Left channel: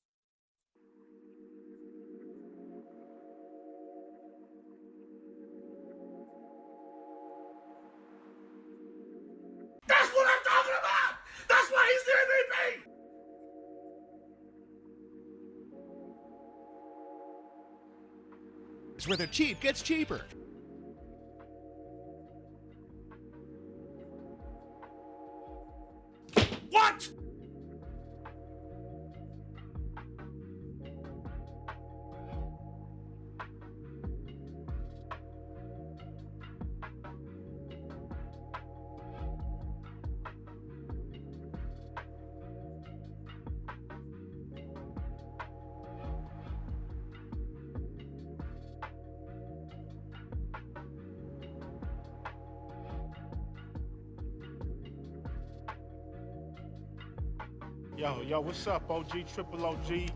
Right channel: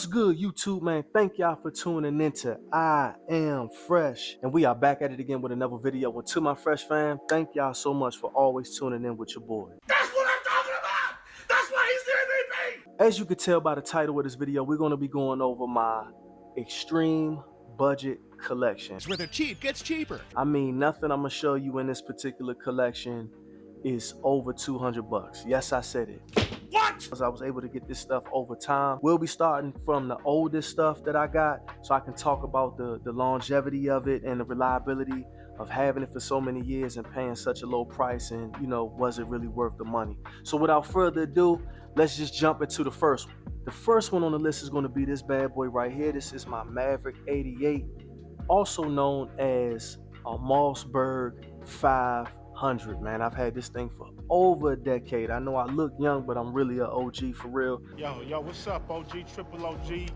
What's good, YouTube, man? Thank y'all for tuning into I Am Fresh. And we are back at it again with another video. And to my Fresh fam, thank y'all so much for always tuning in with your boy. That's what I'm talking about! That's why he's the MVP! As you can tell by the title of this video, we're going to be going over my extreme budget collection. It's where the cheap gets cheaper. I mean, nothing I'm going to show you in this particular collection is over 200 bucks. Yes, I said it. What? I was able to get this stuff over time. We'll be starting from the oldest stuff that I got so I can talk about the longevity of it and the reliability of having it for so many years and paying such a low price, and was it really worth the money? So without further ado, let's just jump into the first one. The first one on the list is going to be this bad boy right here. This is my Maverick 88, also known as a Mossberg 500, man. I've had this thing for over a decade. I know I look young, but I'm really an OG for real. Yo, what's up, OG, triple OG?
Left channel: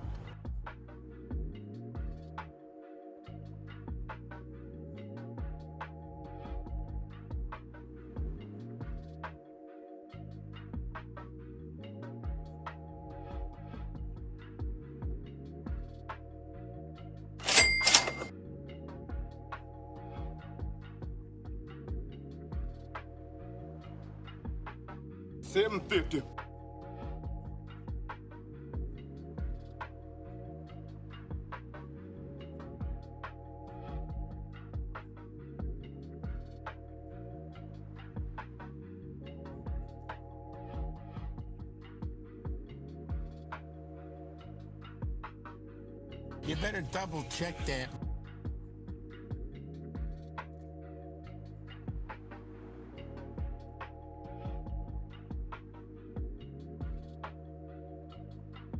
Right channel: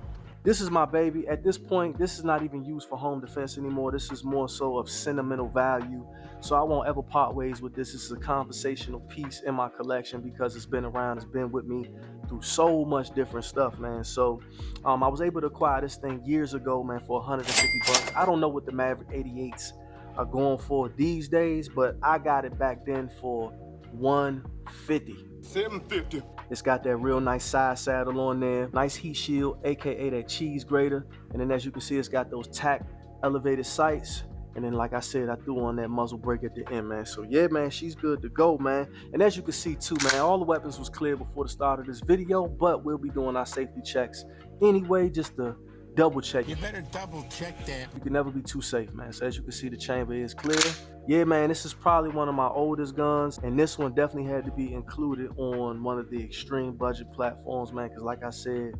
This is my baby. At this point, this is not even used for home defense anymore. This is more so of sentimental value. So I won't ever part ways with this. This is a conversational piece in my collection because it's been around, it's been with me through so much different stuff, man. So I was able to acquire this thing years ago, man, for 150 bucks. I don't know what the Maverick 88s are going for these days, but I got it back then for 150. 750. It's got that real nice side saddle on there, nice heat shield, aka that cheese grater, and then as you can see, it's got those tack elevated sights, and then like I said, I threw on that muzzle brake at the end, man. So yeah, man, she's good to go, man. And as you can see too, man, all the weapons was clear before the start of this video, but we'll be doing our safety checks anyway, just to double check. You better double check that. You can never be too safe, man. So as you can see, the chamber is clear. Yeah, man, this is probably one of my oldest guns, and this one definitely had to be included on one of the extreme budget platforms, man, because like I said,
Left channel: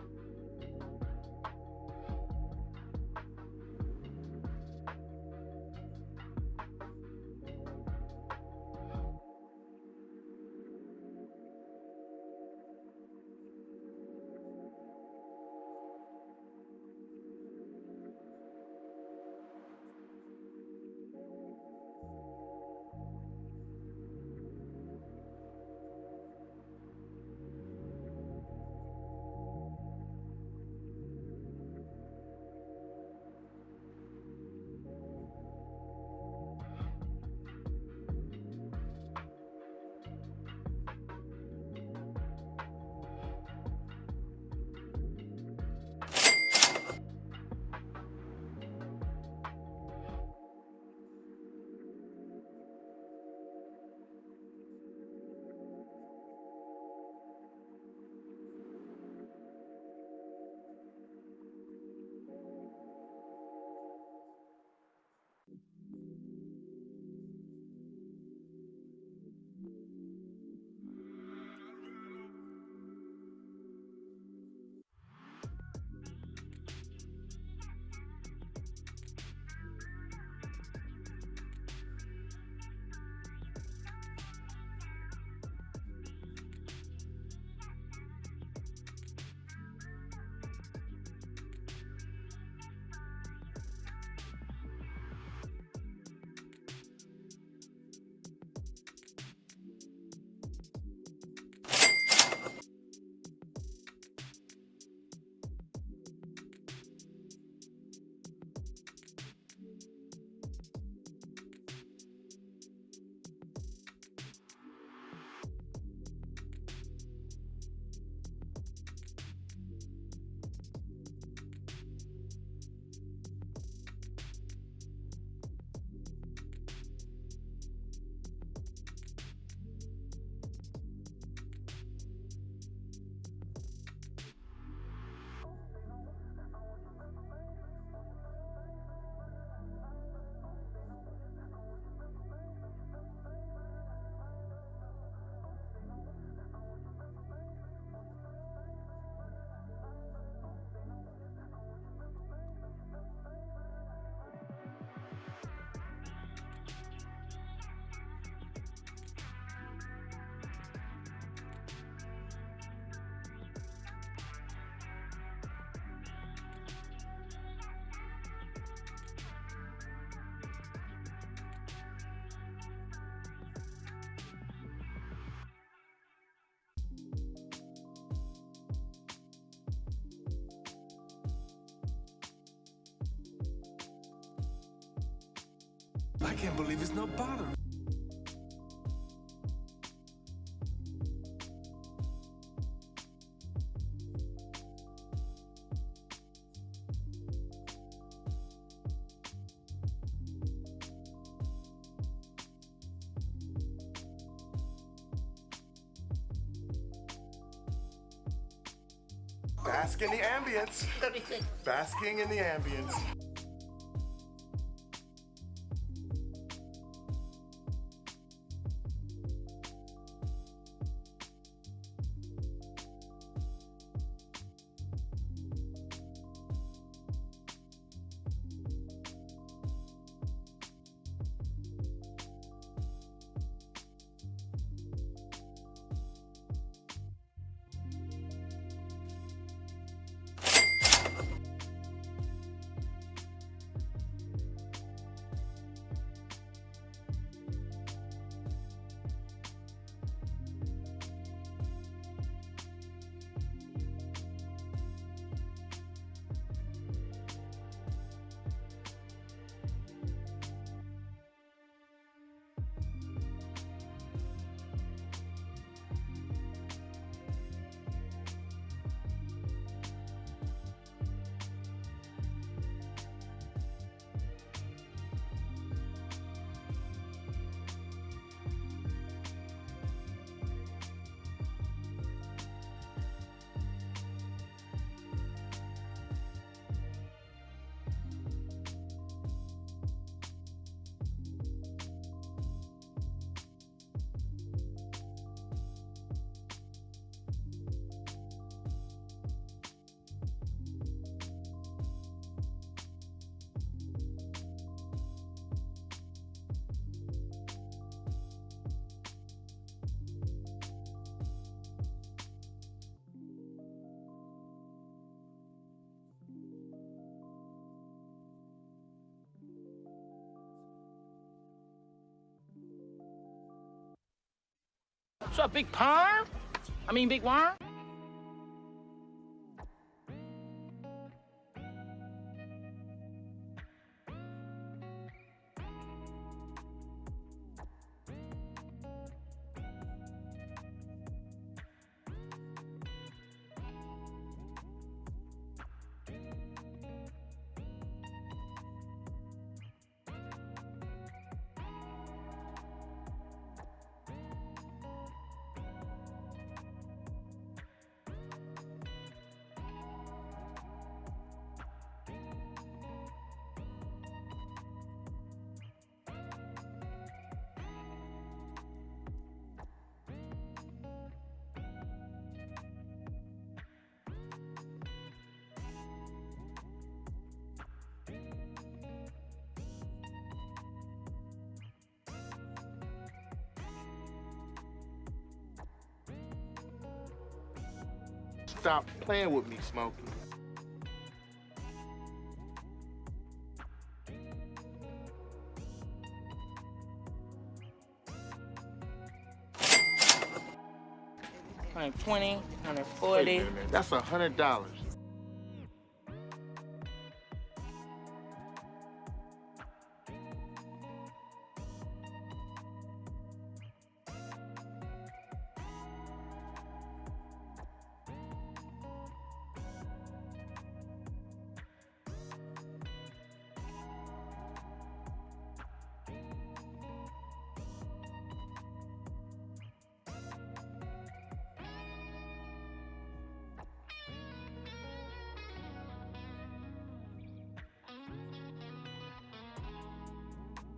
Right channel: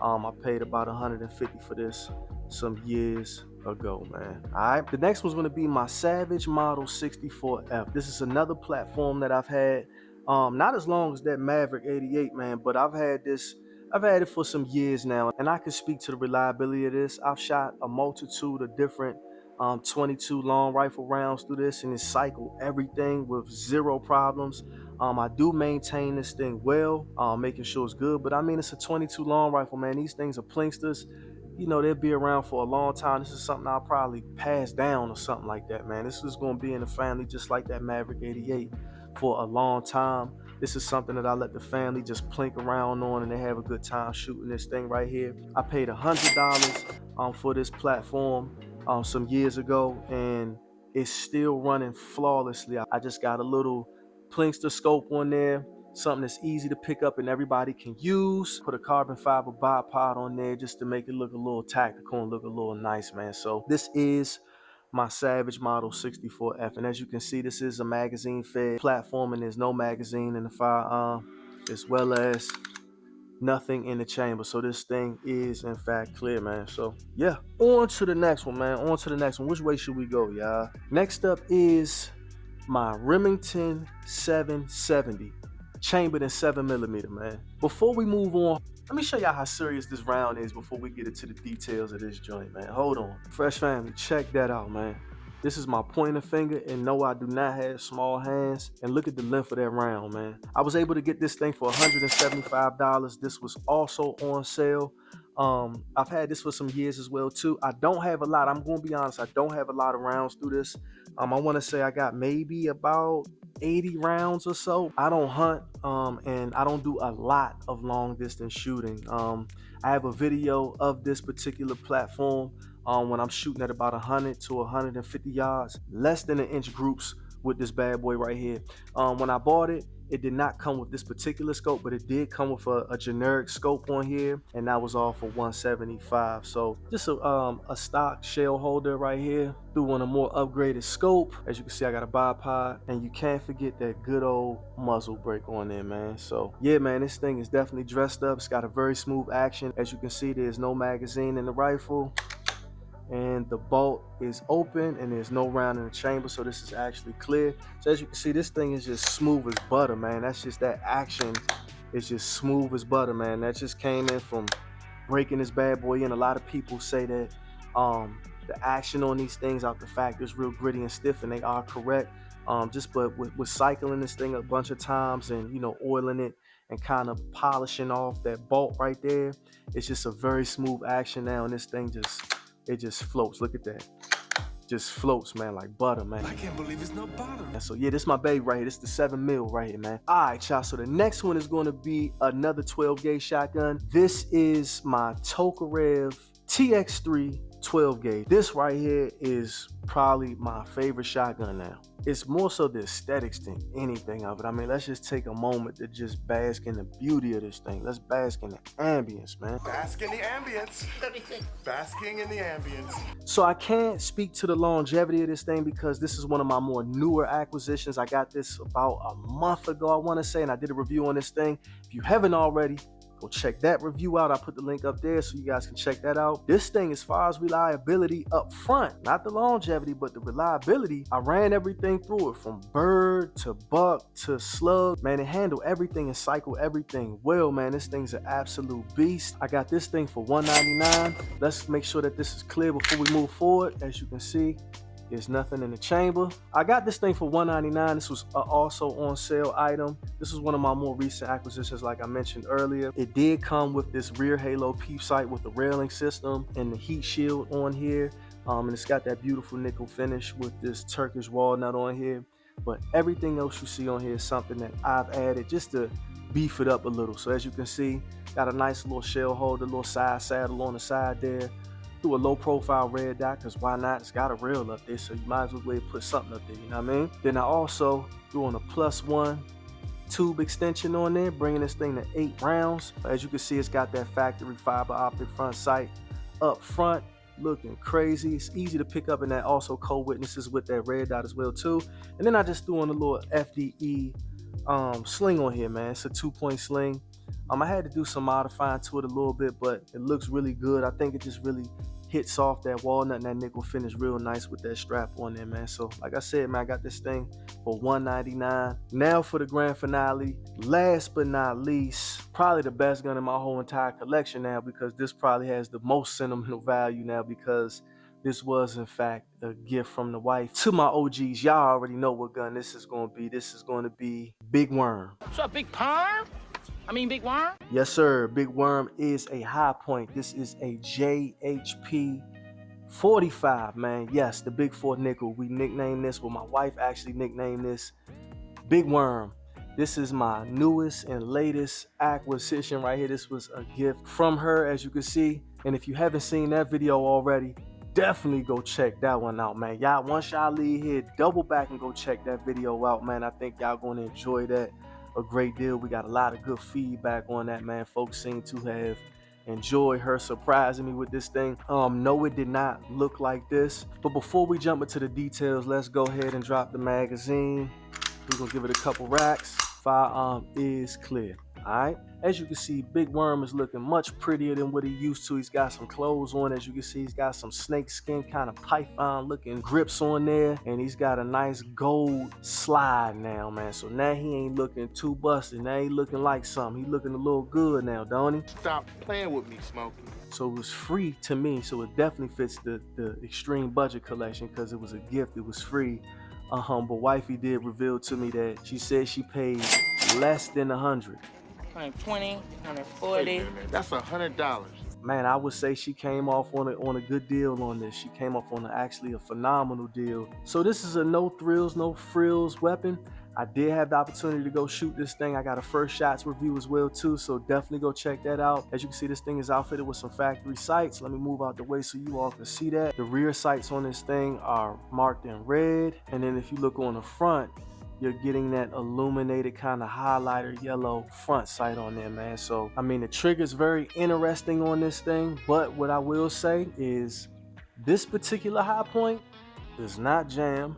I paid about 150 for this some years ago, man. All right, the next one's going to be my Savage Model 64F. This is another platform that I've had, not as long as that Maverick 88, man, but I've had it for some years now, and I can speak to the reliability of this. I've shot a multitude of different 22 long rifle rounds through this, and it cycled everything with zero problems. I do maintain this thing well, making sure it's good, but I mean, it's a 22 long rifle, man. These things are plinksters. They'll be around for a long time. This is something I'll probably pass down or something like that, man. This is going to be in the family just like that Maverick 88 for a long time. This is something that I let the family just plink around on, and they have a good time shooting this thing right here. I paid $100 for this platform some years ago, and it's still running flawlessly. I just got a little plinkster scope on there, something that's easy to pick up and everybody can use. Put a carbon fiber bipod on there just to make it look a little tactical and look a little nice, man. So this is my Savage Model 64F, and as you can see, this is a magazine fed platform, and there's no magazine in the firearm, as well as nothing in the chamber. So this thing is in fact clear, man. So yeah, on to the next one, man. On to the next one. Which way should we go, y'all? Next up is my Remington 770, chambered in 7mm, man. Before we move on, let me show y'all how serious this round is before we get into the details of this joint, man. Hold on. Fresh family, check that out, man. This is my pointer finger, and no, I do not have small hands. And look at the length of that round, man. I was able to get this thing for $175. This was also on sale. I've had this for some years as well too. I don't have a lot. I'm gonna be honest, I don't have a lot of rounds through this. I want to say I got maybe about 80 rounds or so. I don't hunt, and I don't do a lot of long distance shooting. I have a video of this particular platform when I'm shooting at about 100 to 150 yards, less than an inch groups with this bad boy right here. When I bought it, it did not come with this particular scope, but it did come with a generic scope on here, and that was all for $175. So just a stock shell holder right here. Threw on a more upgraded scope. As you can see, I got a bipod, and you can't forget that good old muzzle brake on there, man. So yeah, man, this thing is definitely dressed up. It's got a very smooth action. As you can see, there's no magazine in the rifle, and the bolt is open, and there's no round in the chamber, so this is actually clear. So as you can see, this thing is just smooth as butter, man. That's just that action. It's just smooth as butter, man. That just came in from breaking this bad boy in. A lot of people say that the action on these things out the fact is real gritty and stiff, and they are correct. Just but with cycling this thing a bunch of times and, you know, oiling it and kind of polishing off that bolt right there, it's just a very smooth action now, and this thing just floats. Look at that. Just floats, man, like butter, man. I can't believe it's no butter. And so yeah, this is my baby right here. This is the 7 mil right here, man. All right, y'all. So the next one is going to be another 12 gauge shotgun. This is my Tokarev TX3 12 gauge. This right here is probably my favorite shotgun now. It's more so the aesthetics than anything of it. I mean, let's just take a moment to just bask in the beauty of this thing. Let's bask in the ambience, man. Bask in the ambience. Basking in the ambience. So I can't speak to the longevity of this thing because this is one of my more newer acquisitions. I got this about a month ago, I want to say, and I did a review on this thing. If you haven't already, go check that review out. I put the link up there so you guys can check that out. This thing, as far as reliability up front, not the longevity, but the reliability, I ran everything through it from bird to buck to slug. Man, it handled everything and cycled everything well, man. This thing's an absolute beast. I got this thing for $199. Let's make sure that this is clear before we move forward. As you can see, there's nothing in the chamber. I got this thing for $199. This was also on sale item. This was one of my more recent acquisitions, like I mentioned earlier. It did come with this rear halo peep sight with the railing system and the heat shield on here. And it's got that beautiful nickel finish with this Turkish walnut on here. But everything else you see on here is something that I've added just to beef it up a little. So as you can see, got a nice little shell holder, little side saddle on the side there. Do a low profile red dot, because why not? It's got a rail up there, so you might as well go ahead and put something up there, you know what I mean? Then I also threw on a +1 tube extension on there, bringing this thing to 8 rounds. As you can see, it's got that factory fiber optic front sight up front, looking crazy. It's easy to pick up, and that also co-witnesses with that red dot as well too. And then I just threw on a little FDE sling on here, man. It's a 2-point sling. I had to do some modifying to it a little bit, but it looks really good. I think it just really hits off that walnut and that nickel finish real nice with that strap on there, man. So like I said, man, I got this thing for $199. Now for the grand finale, last but not least, probably the best gun in my whole entire collection now, because this probably has the most sentimental value now, because this was in fact a gift from the wife to my OGs. Y'all already know what gun this is going to be. This is going to be Big Worm. What's up, Big Perm? Big Worm? Yes, sir. Big Worm is a high point. This is a JHP 45, man. Yes, the Big 4 nickel. We nicknamed this, well, my wife actually nicknamed this Big Worm. This is my newest and latest acquisition right here. This was a gift from her, as you can see. And if you haven't seen that video already, definitely go check that one out, man. Y'all, once y'all leave here, double back and go check that video out, man. I think y'all gonna enjoy that a great deal. We got a lot of good feedback on that, man. Folks seem to have enjoyed her surprising me with this thing. No, it did not look like this. But before we jump into the details, let's go ahead and drop the magazine. We're gonna give it a couple racks. Firearm is clear. Alright, as you can see, Big Worm is looking much prettier than what he used to. He's got some clothes on. As you can see, he's got some snake skin kind of python looking grips on there, and he's got a nice gold slide now, man. So now he ain't looking too busted. Now he looking like something. He looking a little good now, don't he? Stop playing with me, Smokey. So it was free to me, so it definitely fits the extreme budget collection, because it was a gift. It was free. But wifey did reveal to me that she said she paid less than 100. 120, 140. That's $100. Man, I would say she came off on a good deal on this. She came off on actually a phenomenal deal. So this is a no thrills, no frills weapon. I did have the opportunity to go shoot this thing. I got a first shots review as well too, so definitely go check that out. As you can see, this thing is outfitted with some factory sights. Let me move out the way so you all can see that. The rear sights on this thing are marked in red, and then if you look on the front, you're getting that illuminated kind of highlighter yellow front sight on there, man. So, I mean, the trigger's very interesting on this thing, but what I will say is this particular high point does not jam.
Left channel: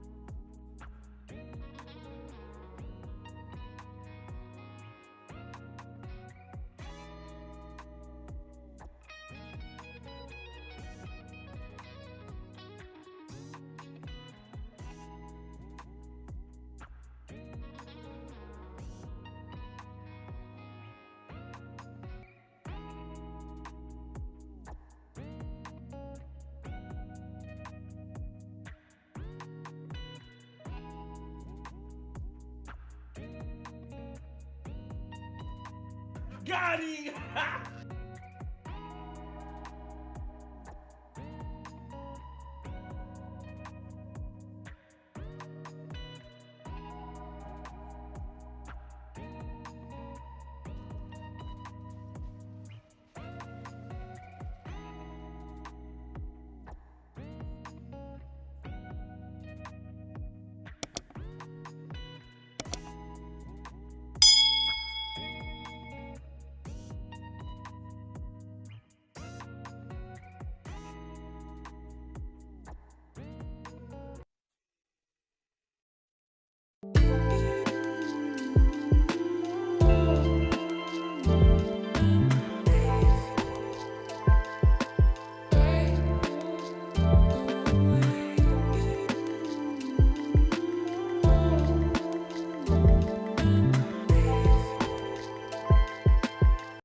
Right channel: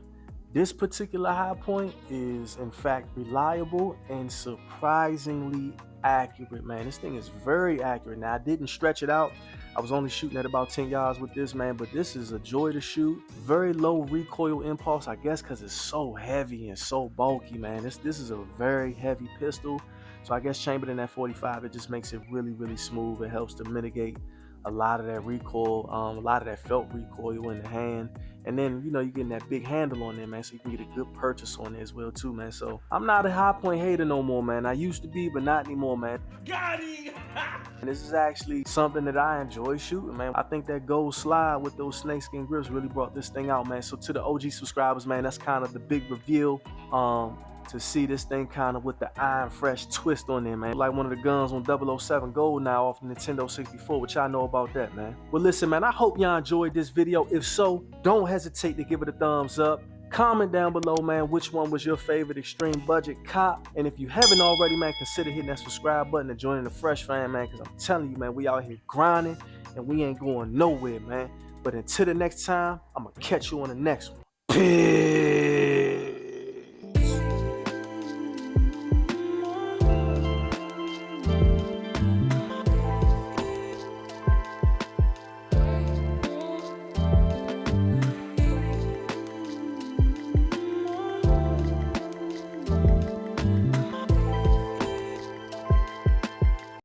This particular high point is, in fact, reliable and surprisingly accurate, man. This thing is very accurate. Now, I didn't stretch it out. I was only shooting at about 10 yards with this, man, but this is a joy to shoot. Very low recoil impulse, I guess, because it's so heavy and so bulky, man. This is a very heavy pistol. So I guess chambered in that 45, it just makes it really, really smooth. It helps to mitigate a lot of that recoil, a lot of that felt recoil in the hand. And then, you know, you're getting that big handle on there, man, so you can get a good purchase on there as well, too, man. So I'm not a high point hater no more, man. I used to be, but not anymore, man. Got him! And this is actually something that I enjoy shooting, man. I think that gold slide with those snakeskin grips really brought this thing out, man. So to the OG subscribers, man, that's kind of the big reveal. To see this thing kind of with the iron fresh twist on there, man. Like one of the guns on 007 Gold now off the Nintendo 64, which I know about that, man. Well, listen, man, I hope y'all enjoyed this video. If so, don't hesitate to give it a thumbs up. Comment down below, man, which one was your favorite extreme budget cop. And if you haven't already, man, consider hitting that subscribe button and joining the Fresh Fam, man, because I'm telling you, man, we out here grinding and we ain't going nowhere, man. But until the next time, I'm going to catch you on the next one. Peace.